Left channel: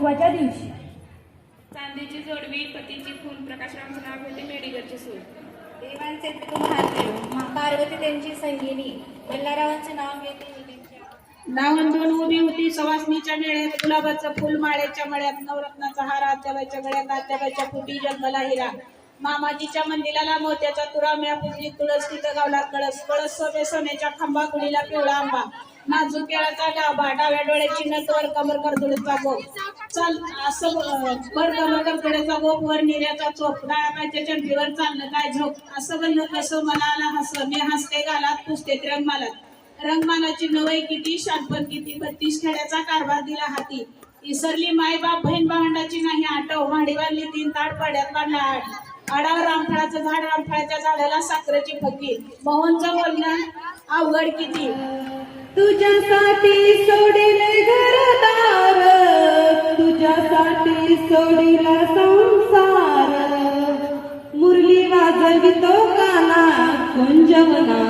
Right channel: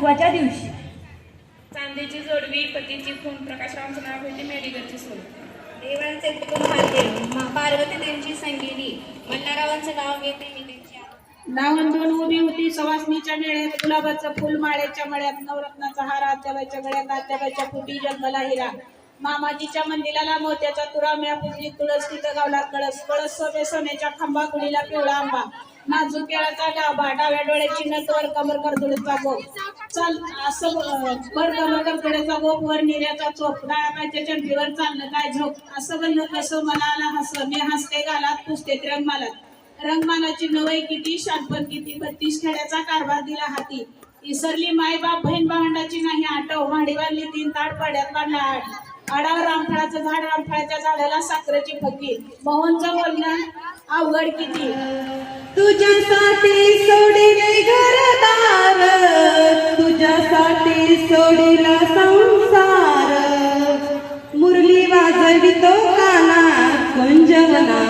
गुरुत्वाच्या दिवशी. चांदीची जोडवी पतीची खून प्रकाशरावांचे नाव होते मेडिकलची सोड देवांचे कुटुंब हाते पार्वती त्यांची संगिनी मल्हारावांचे नाव घेते मी त्यांच्या नावन दोन उभी होती सवासणीच्या मेळ्यात गुलाबाचं फुल माळ्याच्या मळ्यात नवरत्नाचा हार आत्याबाईच्या गळ्यात आत्याबाईच्या फुटी जन्मला हिरा. मामाजीच्या मंदिराला मोत्याचा तुरा म्या पुजली तुळस तिथं गावला कळस कळस सोबे सोन्याच्या खांबा गुढीला पिवळा आंबा नाजूक केळाचा गाभा डाव्या डोळ्याची नट वर कमर करदुडीचा गोप. चल असं वर कमर करदुड्याचा गोप वर निर्याचा चोप. डाळाच्या चंपीवर चाललं काय झोप? असं बनलं कसं मला आला हस मी हसते गालात पुसते रंगमालात. रंगमालाची नवय किती? शानपण किती? बत्तीस खेड्याचा कारभार दिला हाती. इसरली माय बाप बहीण भावंडाची नाही आटव भांडी बांधली तीन ताट पाड्यात बांधला आठ. आडावर रामफळाचं झाड रामफळाच्या झाडाला साखरेची फकी. मोहनचं बोलणं अवघड किती? तुझ्यासाठी सोडिले घरदार तुझ्यासाठी सोडिला संसार. मुरली वाजवितो काना गुंजवना.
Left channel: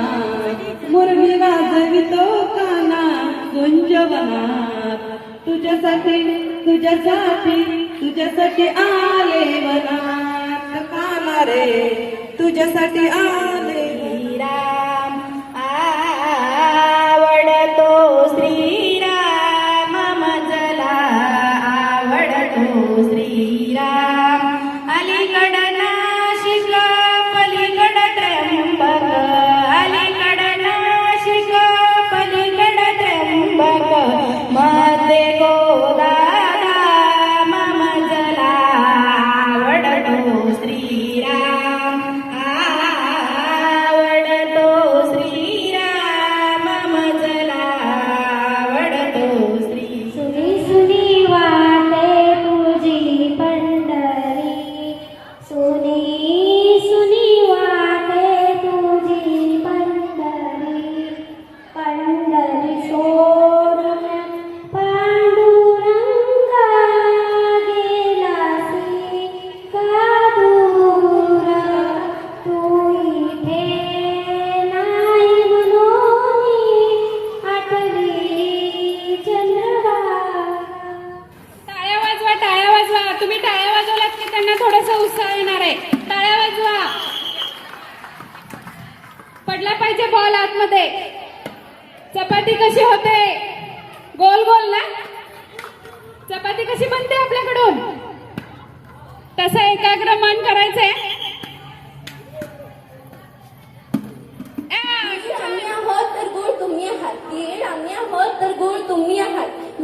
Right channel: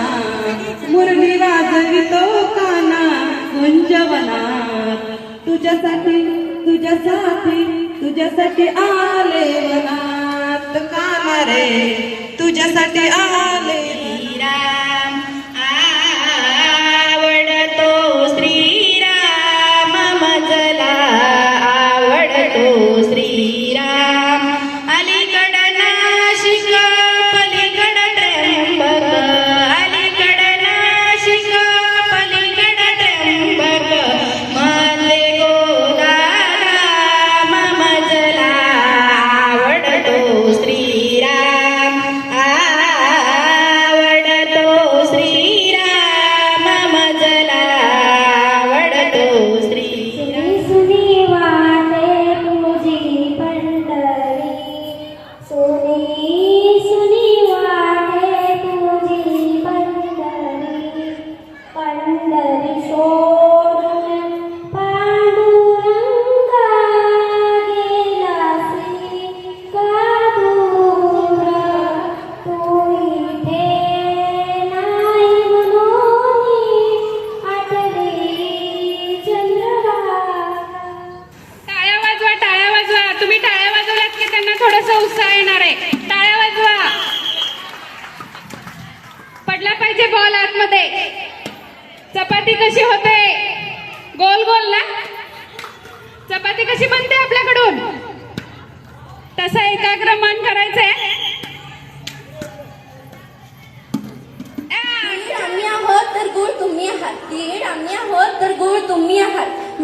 मुरली वाजवितो काना गुंजवना. तुझ्यासाठी तुझ्यासाठी तुझ्यासाठी आले वना. तुझ्यासाठी आले. श्रीराम आवडतो श्रीराम मजला आवडतो श्रीराम. अलीकड नाशिक पलीकड त्र्यंबक अलीकड नाशिक पलीकड त्र्यंबक. माझे मजला आवडतो श्रीराम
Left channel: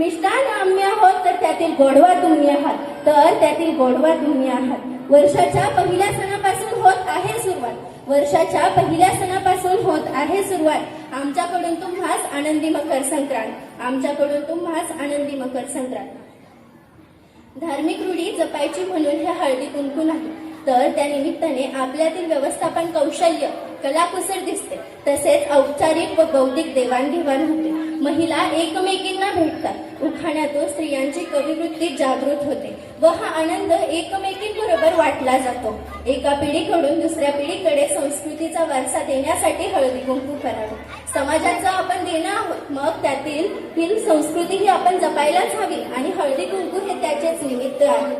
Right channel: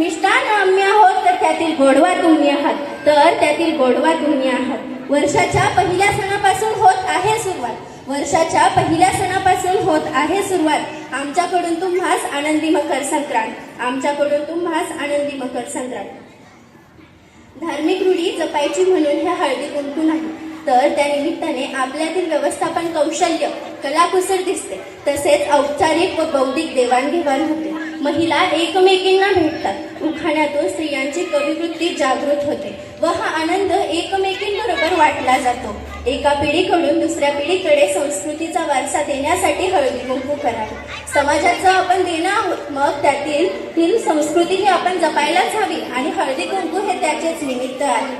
मिष्टान आम्ही आहोत तर त्यातील गोडवा तुम्ही आहात. तर त्यातील गोडवा तुम्ही आहात. वर्षाच्या पहिल्या सणापासून होत आहे सुरुवात. वर्षाच्या पहिल्या सणापासून होत आहे सुरुवात. आमच्याकडून तुम्हास आनंदी मकर संक्रांत. आमच्याकडून तुम्हास आनंदी मकर संक्रांत. धार्मिक रूढी जपायची म्हणून हे हळदी कुंकू नाही. तर त्या निमित्ताने आपल्यातील व्यवस्थापन कौशल्य कलाकुसर दिसते. तसेच औपचारिक व बौद्धिक देवाणघेवाण होते. महिला एकमेकींना भेटतात. उखाण्यातून स्त्रियांची कविवृत्ती जागृत होते व हा आनंद एकमेकींबरोबर वाटला जातो. एका पिढीकडून दुसऱ्या पिढीकडे संस्कृतीचा वारसा देण्यासाठी हळदी कुंकू करावे. समाजाचं आपण देणं आहोत मग त्यातील ही संस्कृती ही आपण जपायलाच हवी आणि हळदी कुंकू हे त्याचेच निमित्त आहे.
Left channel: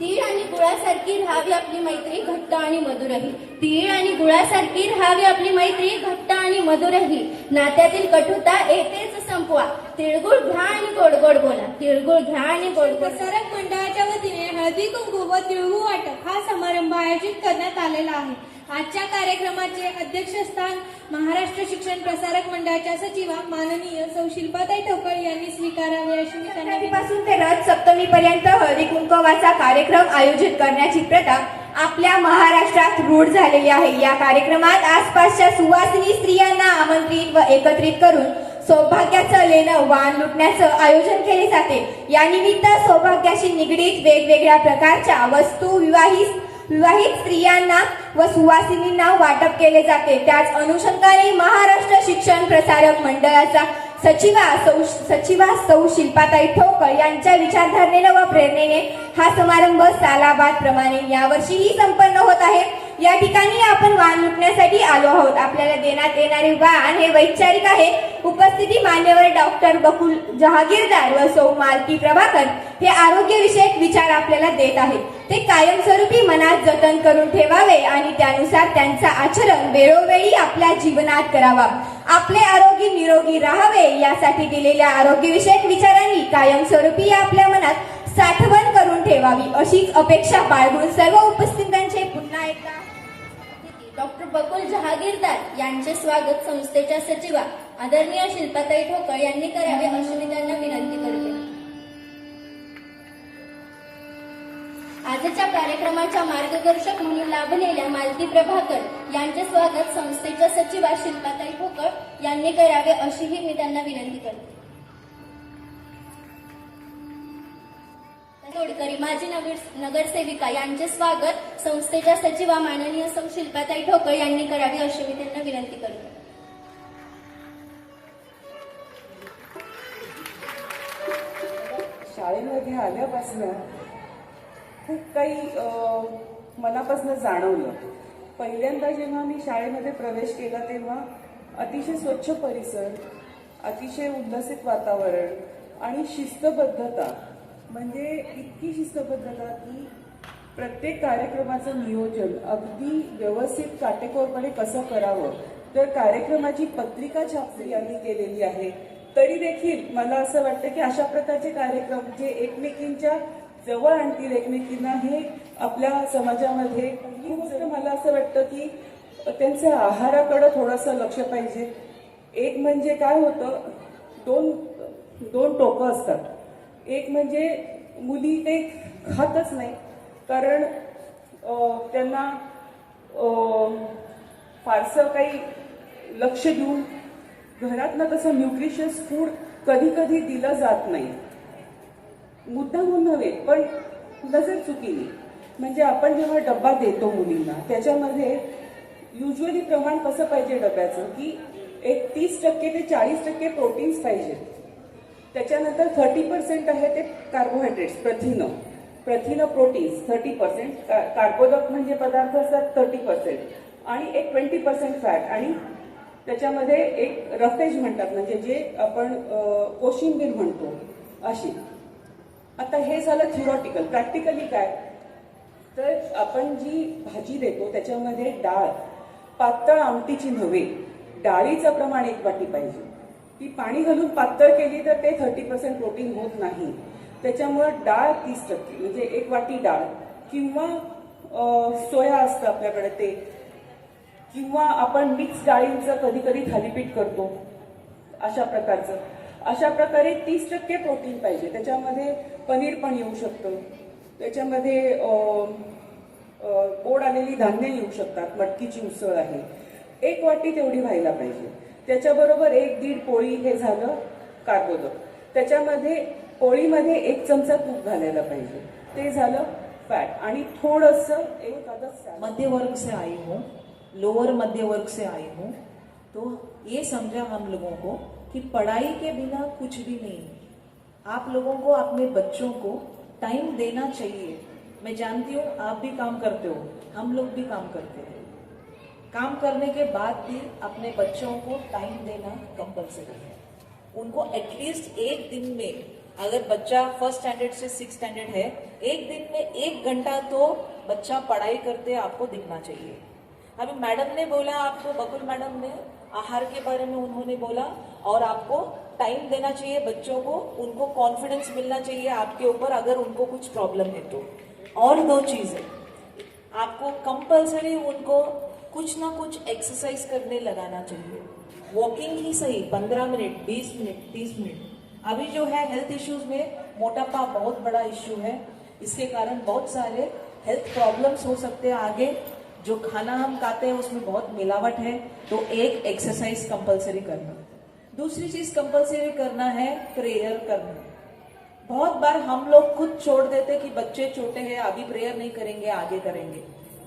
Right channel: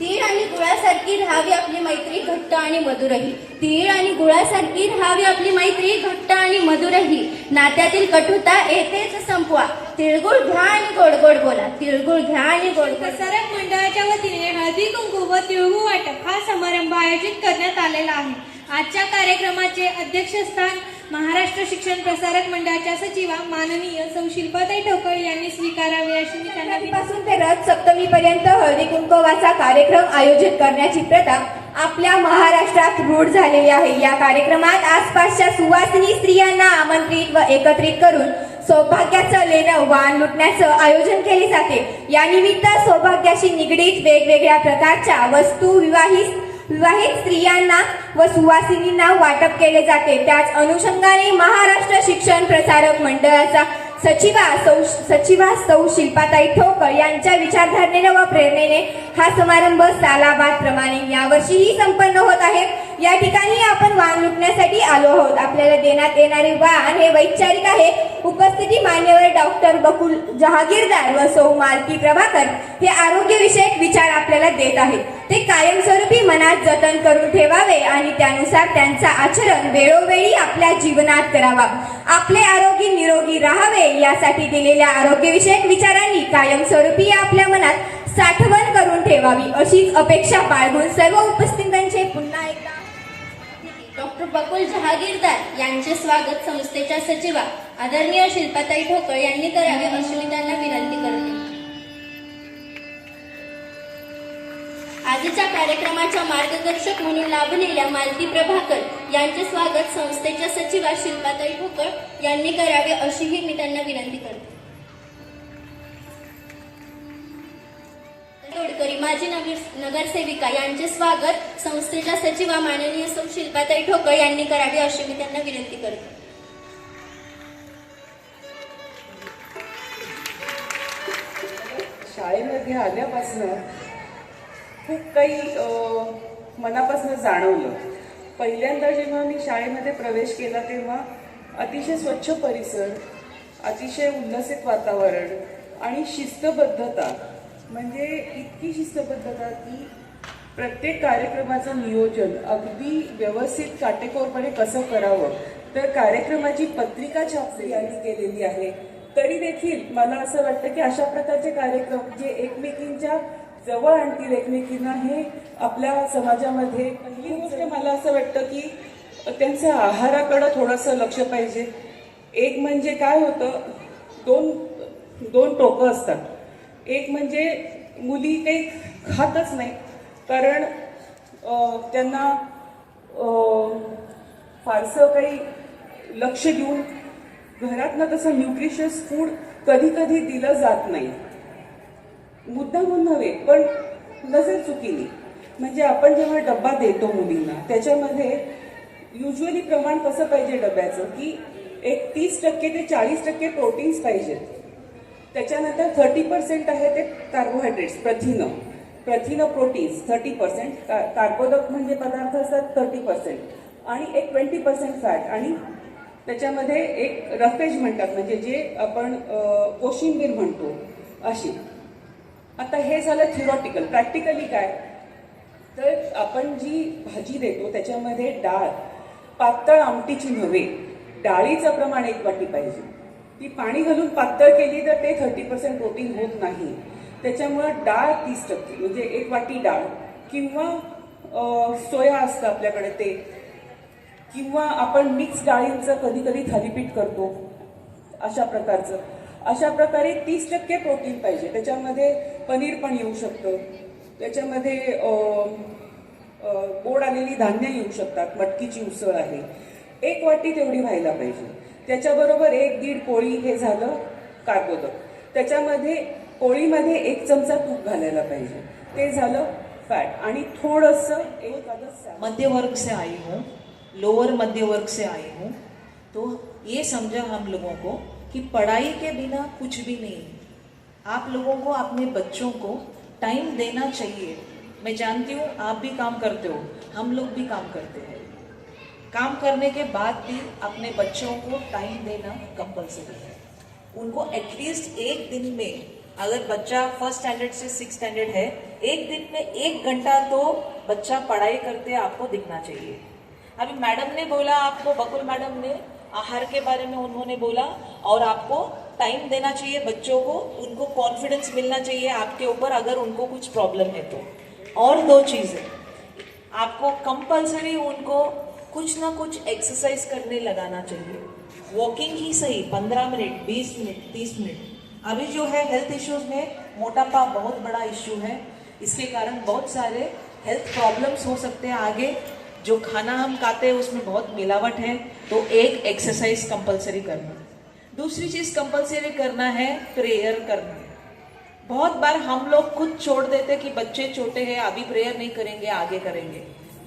तीळ आणि गुळासारखी राहावी आपली मैत्री घट्ट आणि मधुरही. तीळ आणि गुळासारखी राहावी आपली मैत्री घट्ट आणि मधुरही. नात्यातील कठुता येतेच संपवा. तिळगुळ घ्या आणि गोड गोड बोला. तिळगुळ घ्या आणि गोड गोड प्रसारक मंडळाच्या वतीने हळदी कुंकू व तिळगुळ वाटप हा समारंभ आयोजित करण्यात आलेला आहे. आजच्या कार्यक्रमाचे अध्यक्षस्थान महाराष्ट्र शिक्षण प्रसारक मंडळाच्या सचिवा माननीय सौ शिल्पाताई ठोकळ यांनी स्वीकारावे अशी मी त्यांना पासून ते रथ सप्तमी पर्यंत हळदी कुंकवाचा कार्यक्रम आयोजित करण्याची प्रथा आपल्या महाराष्ट्रात रूढ झालेली आहे. या कार्यक्रमात आसपासच्या सुवासिनी स्त्रियांना आमंत्रित व एकत्रित करून सौभाग्याचं लेणं वाण लुटण्याचं आयोजन केले जाते. यानिमित्त सौभाग्याशी निगडीत वेगवेगळ्या प्रकारच्या वस्तू विवाहित विवाहित स्त्रियांना व सुवासिनींना वाटप केले जाते. त्याच अनुषंगाने महाराष्ट्र शिक्षण प्रसारक मंडळाचा सचिवा सौ सचिवा सौ शिल्पाताई ठोकर यांच्या विचारधारणेने व प्रेरणेने हा समारंभ सालाबाद प्रमाणे यावर्षीही संपन्न होत आहे. या ठिकाणी आपण वाण लुटण्यासाठी आलो आहोत. आपल्याला देण्यात येणारे वाण हे वैचारिक आहे. उपस्थिती मान्यवर डॉक्टर बकुल जहागीरदार व सौ मालती प्रभाकर हे आरोग्यविषयक विचार आपल्याला देत आहेत. ते कायमस्वरूपी मनात जतन करून ठेवावे आणि त्यानुसार त्यांचा आचरण वेळोवेळी आपल्या जीवनात करावा. आपले आरोग्य निरोगी राहावे यासाठी दिलेल्या आरोग्यविषयक विचारांनी कायमस्वरूपी आपल्या मनात साठवण करून ठेवावी अशीच अपेक्षा बाळगून सर्व उपस्थितांचे पुन्हा एकदा डॉक्टर बकुल जहागीरदार यांचे स्वागत संस्थेच्या सचिवा आदरणीय शिल्पाताई ठोकळ यांनी करावे अशी मी त्यांना विनंती. आजच्या कार्यक्रमाच्या मार्गदर्शक म्हणून लाभलेल्या मालती प्रभाकर यांचे स्वागत संस्थेच्या सचिवा शिल्पाताई ठोकळ यांनी करावे अशीही मी त्यांना विनंती करते. तोडकरी माजी नगर नगरसेविका यांचे स्वागत संस्थेच्या सचिवा माननीय सौ शिल्पाताई ठोकळ यांनी करावे अशी मी त्यांना विनंती करते. शाळेमध्ये आल्यापासून खूप काही मनापासून जाणवलं. पहिल्यांदा जेव्हा मी शाळेमध्ये प्रवेश केला तेव्हा अतिशय स्वच्छ परिसर अतिशय उल्हसित वातावरण आणि शिस्तबद्धता म्हणजे इतकी शिस्तबद्धता की प्रत्येक कार्यक्रमाचं नियोजन अगदी व्यवस्थित काटेकोरपणे कसं करावं तर कार्यक्रमाची पत्रिका छापली यांनी केलेली आहे. तरी देखील मला असं वाटतं की अशा प्रकारचे कार्यक्रम जे एकमेकींच्या जवळ आणतील एकमेकींना हे आपल्या समाजामध्ये पहिली गोष्ट मला असं वाटतं की त्यांचं आहाराकडं थोडंसं लक्ष पाहिजे. एक म्हणजे काय होतं दोन दोन टोकं असतात. एक म्हणजे मुली ते खातच नाही. कारण त्यांना फारसं काही लक्ष देऊन घरातनं तसं न्यूट्रिशियस फूड कधी कधी दिलं जात नाही. मुद्दामून नव्हे पण नजर चुकीने म्हणजे आपण जेव्हा डब्बा देतो मुलींना त्याच्यामध्ये युजली प्रमाण कसं पाहिजे डब्याचं? की एक तीस टक्के ते चाळीस टक्के प्रोटीन्स पाहिजेत त्याच्यानंतर थर्टी पर्सेंट आहे ते कार्बोहायड्रेट्स प्रथिनं. प्रथिनं प्रोटीन्स थर्टी पर्सेंट कार्बोदक म्हणजे पदार्थ असतात थर्टी पर्सेंट आणि एक ट्वेंटी पर्सेंट फॅट आणि त्याच्यामध्ये एक रफेज म्हणतात म्हणजे जे आपण कोशिंबीर म्हणतो. अशी. आता हे झालं थिओरॉटिकल प्रॅक्टिकली काय? तर आपण जी भाजी देतो त्याच्यामध्ये डाळ पातळ आमटीची नव्हे डाळीचं प्रमाण एक वाटी पाहिजे. ती पाणी घालून पातळ केली तर ते थर्टी पर्सेंट प्रोटीन होत नाही. त्याच्यामुळे डाळ तीस टक्के म्हणजे एक वाटी डाळ किंवा सोया असतं आपल्याकडे ते. किंवा आपण मिक्स डाळींचं कधी कधी थालीपीठ करतो अशा प्रकारचं. अशा प्रकारे तीस टक्के प्रोटीन पाहिजे. त्याच्यामध्ये पनीर पण येऊ शकतं. त्याच्यामध्ये गोड आलेली धान्य येऊ शकतात. मटकीची उसळ आहे. एक वाटी तेवढी व्हायला पाहिजे. त्याच्याबरोबर एक दीड पोळी हे झालं कार्बोदक. त्याच्यामध्ये पोळीमध्ये एक चमचा तूप घालायला पाहिजे. ते झालं फॅट. आणि थोडंसं एक अदद मध्य वर्ग से आई हूँ. लोअर मध्य वर्ग से आई हूँ. तो ये समझा हम लोगों को कि पढ़ाई के बिना कुछ भी नहीं। आप लोगों को, अपने बच्चों को टाइम देना चाहिए। मैं जानती हूँ, आप भी काम करते हो, हम लोग भी काम करते हैं। काम करने के बाद भी अपने बच्चों को टाइम देना कंपलसरी है। उनको एटलीस्ट एक दिन में, अगर बच्चा फ़र्स्ट स्टैंडर्ड से सिक्स स्टैंडर्ड है, एक दिन में एक घंटा तो बच्चा पढ़ाई करते आपको दिखना चाहिए। अभी मैडम ने बोला आपको, बकुल मैडम ने, आहार के बारे में उन्होंने बोला, और आपको टाइम देना चाहिए बच्चों को, उनको कॉन्फिडेंस मिलना चाहिए आपके ऊपर अगर उनको कुछ प्रॉब्लम है तो। और दो चीज़ें। आपको कंपलसरी उनको कुछ ना कुछ एक्सरसाइज करने लगाना चाहिए। वॉकिंग ही सही, पंद्रह मिनट, बीस मिनट, तीस मिनट। अभी जो है हेल्थ इश्यूज़ में मोटापा बहुत बड़ा इश्यू है। इसके कारण बहुत सारे हेल्थ प्रॉब्लम्स हो सकते हैं आगे। जो खाना हम खाते हैं, उसमें बहुत मिलावट है तो एक एक्सरसाइज कंपलसरी करना। दूसरी चीज़ कंपलसरी करना है प्रेयर करना। बहुत बार हम लोग खुद छोड़ देते कि बच्चे छोटे हैं, अभी प्रेयर नहीं करेंगे, आगे करेंगे।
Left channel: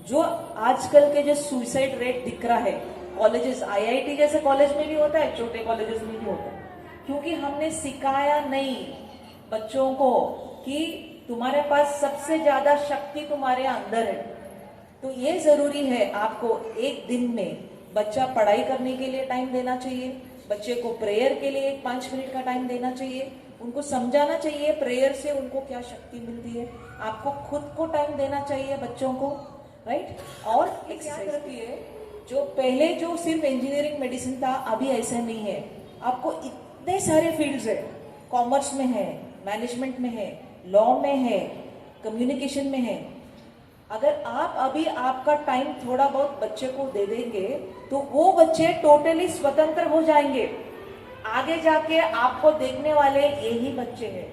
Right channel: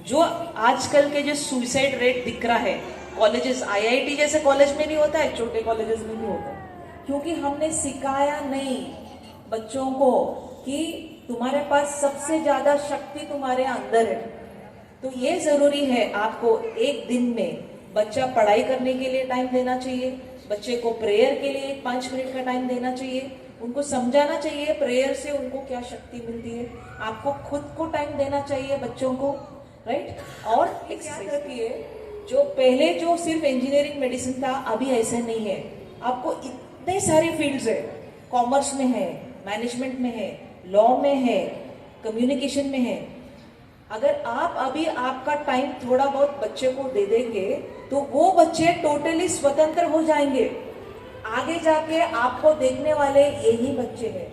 जो आजकल के जो सुसाइड रेट दिख रहा है कॉलेजेस आईआईटी जैसे कॉलेज में नहीं होता है, छोटे कॉलेजेस में नहीं होता। क्योंकि हमने सिखाया नहीं बच्चों को कि तुम्हारे पास सबसे ज़्यादा शक्ति तुम्हारे अंदर है। तो ये ज़रूरी है आपको एक दिन में बच्चा पढ़ाई करने के लिए टाइम देना चाहिए बच्चे को प्रेयर के लिए एक पाँच मिनट का टाइम देना चाहिए उनको समझाना चाहिए प्रेयर से उनको क्या शक्ति मिलती है। आपको खुद को टाइम देना चाहिए बच्चों को राइट और एक याद रखिए जो पहले जो सिर्फ़ इंजीनियरिंग मेडिसिन था अभी ऐसा नहीं है। आपको इतने सारे फील्ड्स है। कॉमर्स में है मैनेजमेंट में है लॉ में है कम्युनिकेशन में है। अगर आप अभी आपका टाइम थोड़ा बहुत बच्चे को दे देंगे तो वो बच्चे टोटली स्वतंत्र हो जाएंगे। आगे जाके आपको देखने वाले यही बच्चे हैं।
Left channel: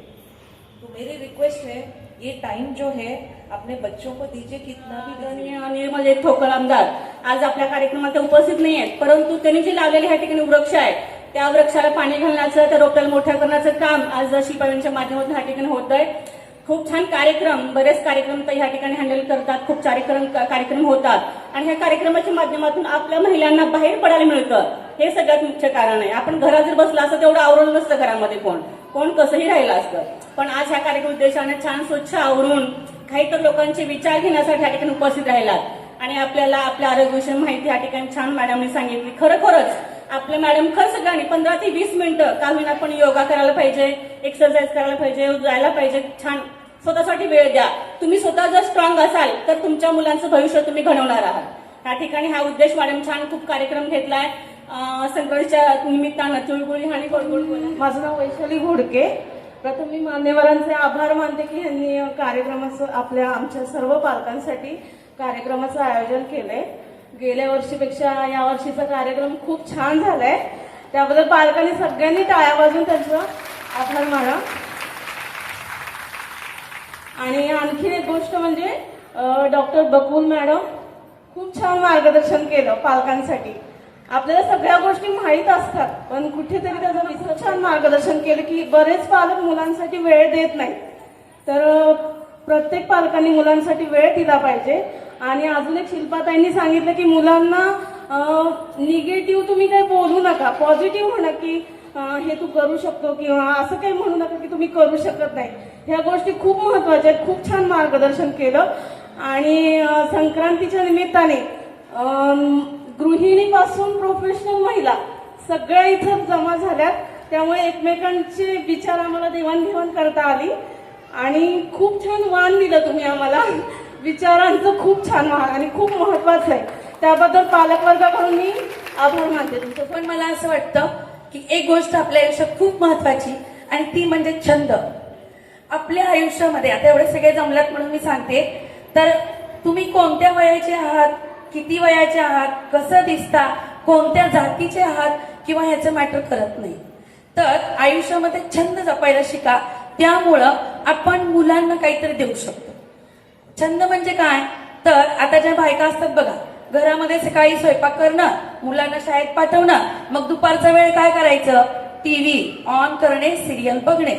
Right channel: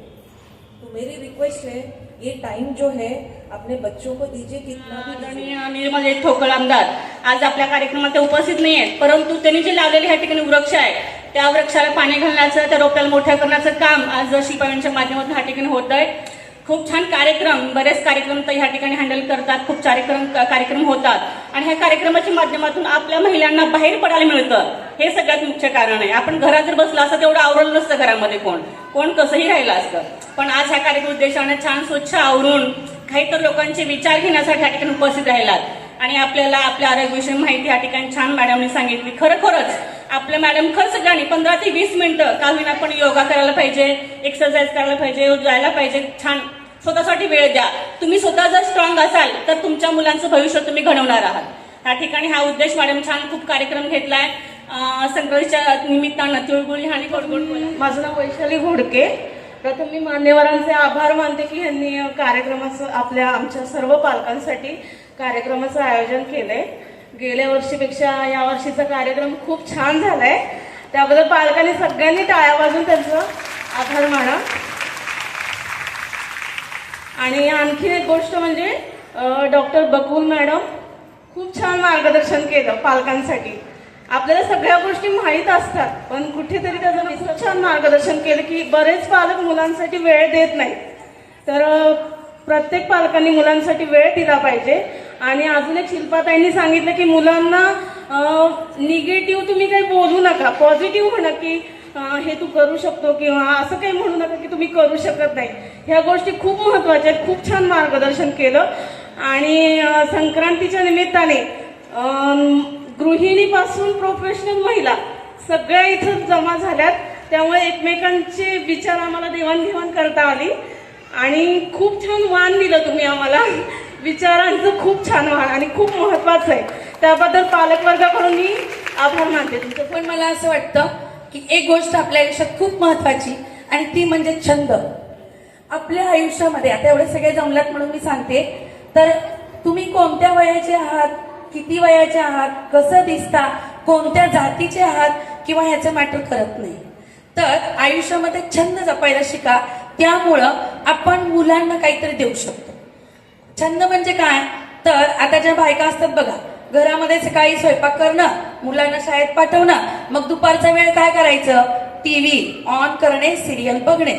तो मेरी रिक्वेस्ट है ये टाइम जो है अपने बच्चों को दीजिए कितना भी आदरणीय निर्मल ठोकळ आमदार. आज आपल्या कार्यक्रमात ते उपस्थित नाही आहेत परंतु त्यांनी जे लावलेले ह्या ठिकाणी वृक्ष आहे त्या वृक्षाला पाणी घालण्याचं त्या रोप्याला मोठ्या करण्याचं काम आज शिपायांच्या माध्यमातून ह्या ठिकाणी होत आहे खूप छान कार्यक्रम बरेच कार्यक्रम तर ह्या ठिकाणी हँडल करतात खूप कार्यक्रम कार्यक्रम होतात. आणि ह्या कार्यक्रमाच्या माध्यमातून आपल्या महिलांना बाहेर पडायला मिळतं. हे सगळ्यात मुख्य कारण आहे. आपण घरात जर बसला असतं तेवढं आवरलं नसतं घरामध्ये कोण. कोण कसंही राहिलं असतं. पण आज ह्या कार्यक्रम उद्देशाने छान स्वच्छ आवरून काही तर लोकांचे विचार घेण्यासाठी ह्या ठिकाणी उपस्थित राहिलात. आणि आपल्याला आपल्या आरोग्याविषयी माहिती या ठिकाणी छान मॅडमने सांगितली. खरोखरच आपल्या मॅडम खरं सगळ्यांनी पंधरा ते वीस मिनिटं का होईना आपण योगा करायला पाहिजे एक्सरसाइज करायला पाहिजे जायला पाहिजे. छान. स्वतःसाठी वेळ द्या. तुम्ही स्वतः जर स्ट्रॉंग असाल तर तुमच्या मुलांचं भविष्य तुम्ही घडवणार आहात. त्या ठिकाणी हा उद्देश मॅडम छान खूप कार्यक्रम घेतलाय. संक्रांतीच्या निमित्तानं तिळगुळ आणि गोडगोड माझं नाव वैशाली घोडके. प्रथम मी मान्यवरांचे आभार मानते की यांनी कार्यक्रमाचं आपल्या आमच्या सर्व पालकांसाठी कार्यक्रमाचं आयोजन केलंय. गेल्या वर्षीपेक्षा या वर्षीचा कार्यक्रम खूप छान झालाय. त्याबद्दल पालकांनी सगळ्यांनी टाळ्या वाजून त्यांचं आभार माना. आणि आणखी एक गोष्ट म्हणजे डॉक्टर बकुल मॅडम खूप छान मार्गदर्शन केलं पालकांसाठी. आपल्याला सगळ्या गोष्टी माहीत असतात पण कुठेतरी त्याचं इतकं छान मार्गदर्शन केलं की बरेच पालक मुलांसाठी वेळ देत नाहीत. तर प्रत्येक पालकांनी मुलांसाठी वेळ दिला पाहिजे. आणि अजून एक शिल्पाताईंनी सांगितलं की मुलांना निगेटिव्ह तुम्ही काही बोलू नका. पॉझिटिव्ह म्हणा की हे तू करू शकतो किंवा असं काही म्हणू नका की तुम्ही करू शकत नाही. ह्या गोष्टी खूप महत्त्वाच्या आहेत. खूप छान मार्गदर्शन केलं. आणि संक्रांतीच्या निमित्ताने गृहिणीपासून प्रोफेशनल महिला सगळ्या इथं जमा झाल्यात. त्यामुळे एकमेकांचे विचार आम्हाला देवाणघेवाण करता आली. आणि खूप छान मान दिलं तुम्ही आम्हाला. विचारांचं खूप छान आणि खूप महत्वाचं आहे. त्याबद्दल पालकवर्गाकडून मी आभार मानते तुमचे. पण मला असं वाटतं की एक गोष्ट आपल्या आयुष्यात खूप महत्वाची आणि ती म्हणजे छंद. आपल्या आयुष्यामध्ये आता एवढे सगळे जमलात म्हणून मी सांगते तर तुम्ही कोणत्या वयाचे आहात किती वयाचे आहात कसं दिसता कोणत्या जातीचे आहात किंवा ह्याचं मॅटर करत नाही. तर आयुष्यामध्ये छंद जपायला शिका त्यामुळं आपण मुलांना काहीतरी देऊ शकतो. छंद म्हणजे काय? तर आता ज्या बायका असतात बघा घरामध्ये सकाळी स्वयंपाक करणं मुलांना शाळेत पाठवणं मग दुपारचा वेळ काय करायचं? टीव्ही ऑन करणे सिरियल बघणे.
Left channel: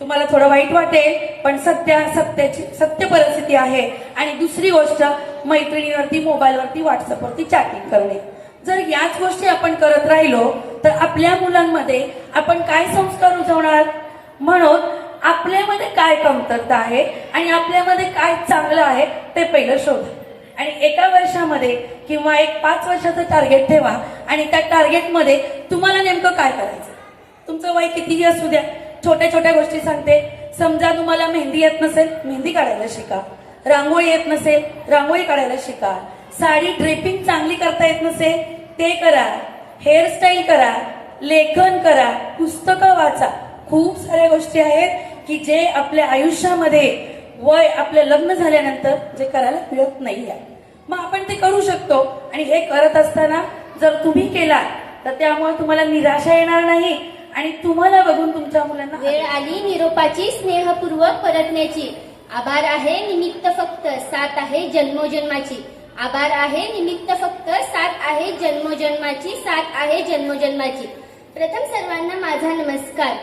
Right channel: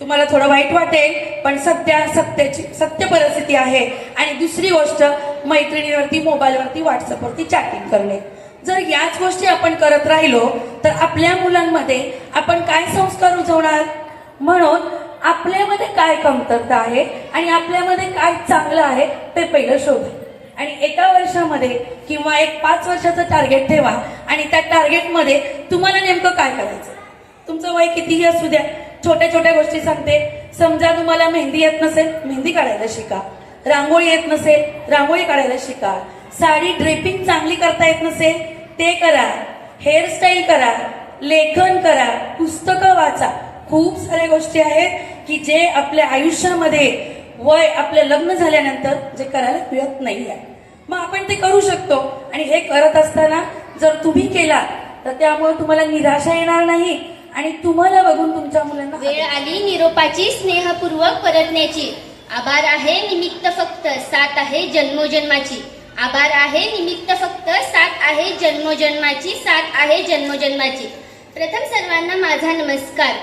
तुम्हाला थोडं वाईट वाटेल पण सत्य सत्याची सत्य परिस्थिती आहे. आणि दुसरी गोष्ट मैत्रिणीवरती मोबाईलवरती व्हॉट्सअपवरती चॅटिंग करणे. जर याच गोष्टी आपण करत राहिलो तर आपल्या मुलांमध्ये आपण काय संस्कार रुजवणार म्हणून आपल्यामध्ये काय कमतरता आहे आणि आपल्यामध्ये काय चांगलं आहे ते पहिलं शोधा. आणि एका वर्षामध्ये किंवा एक पाच वर्षाचं टार्गेट ठेवा आणि त्या टार्गेटमध्ये तुम्हाला नेमकं काय करायचं? तुमचं वय कितीही असू द्या छोट्या छोट्या गोष्टी सांगते. समजा तुम्हाला मेहंदी येत नसेल मेहंदी काढायला शिका. रांगोळी येत नसेल रांगोळी काढायला शिका. साडी ड्रेपिंग चांगली करता येत नसेल ते करा. हेअरस्टाईल करा. लेखन करा. पुस्तकं वाचा. खूप साऱ्या गोष्टी आहेत. की जे आपल्या आयुष्यामध्ये वय आपलं लग्न झाल्यानंतर जे करायला मिळत नाही आहे मग आपण ते करू शकतो. आणि हे करत असताना जर तुम्ही केला तर त्यामुळे तुम्हाला निराशा येणार नाही आणि तुम्हाला बघून तुमच्या मुलांना वेळ आली निरोपाची स्नेहपूर्वक परतण्याची. आभार आहे निमित्त फक्त साथ आहे जन्मोजन्माची. आभार आहे निमित्त फक्त साथ आहे जन्मोजन्माची साथ आहे जन्मोजन्माची. प्रथम सर्वांना माझा नमस्कार.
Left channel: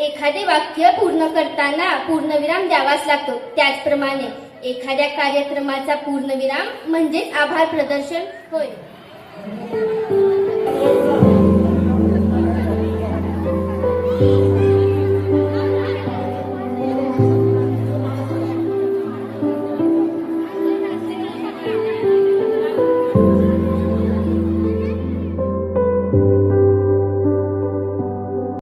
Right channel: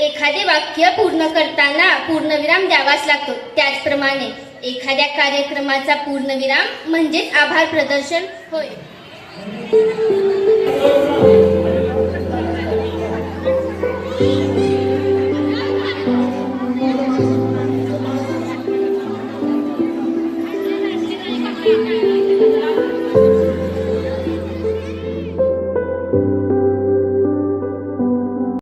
एखादे वाक्य पूर्ण करताना पूर्णविराम द्यावाच लागतो. त्याचप्रमाणे एखाद्या कार्यक्रमाचा पूर्णविराम म्हणजेच आभार प्रदर्शन होय.